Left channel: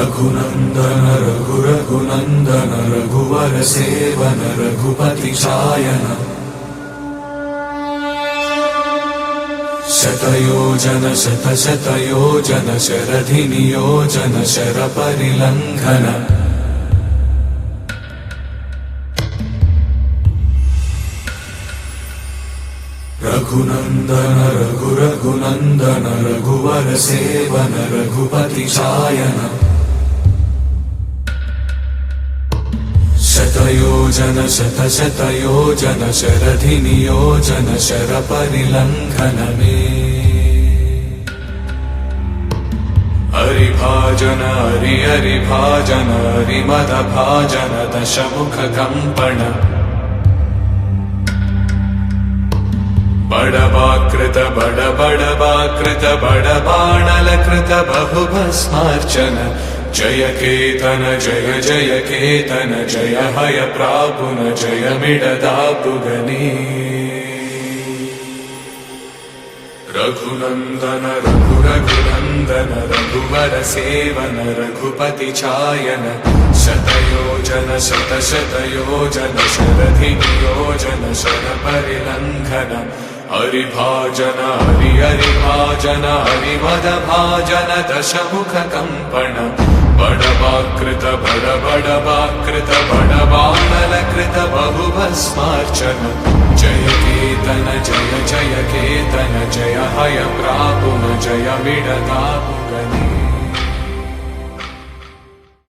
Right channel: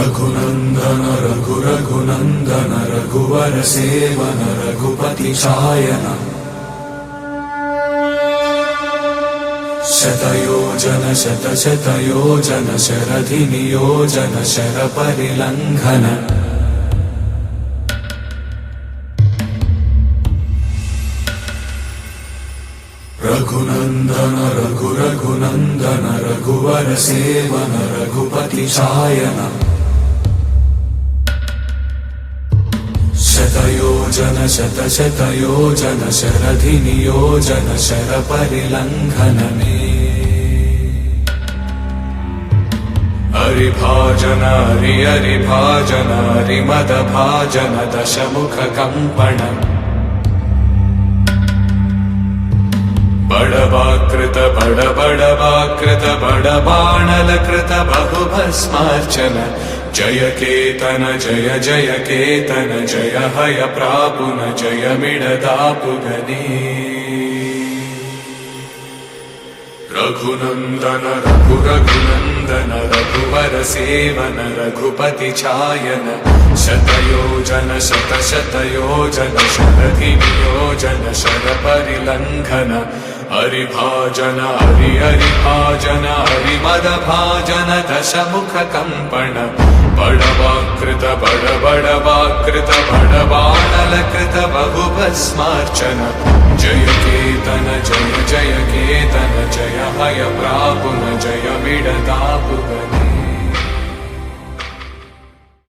रघुनन्दन रघुरघुनन्दन रघुवर सेवन रघुपति चायन शतयोजन शतशतयोजन शरधि नियोजन शरपरिलङ्घन रघुनन्दन रघुरघुनन्दन रघुवर सेवन रघुपति चायन शतयोजन शतशतयोजन शरधि नियोजन शरपरिलङ्घनने हरिभाजन हरिभाजन हरिमदभाजन दशमुख कम्पण बड़वाकृत बड़वाकृत बड़बाणलकृत बहुभस्मार्चन जय केतन जय जय केतन जय हय प्रापुन जय मिडदापुगने रघुनन्दन रघुरघुनन्दन रघुवर सेवन रघुपति चायन शतयोजन शतशतयोजन शरधि नियोजन शरपरिलङ्घन हरिभाजन हरिभाजन हरिमदभाजन दशमुख कम्पण बड़वाकृत बड़वाकृत बड़बाणलकृत बहुभस्मार्चन जय केतन जय जय केतन जय हय प्रापुन जय मिडदापुगने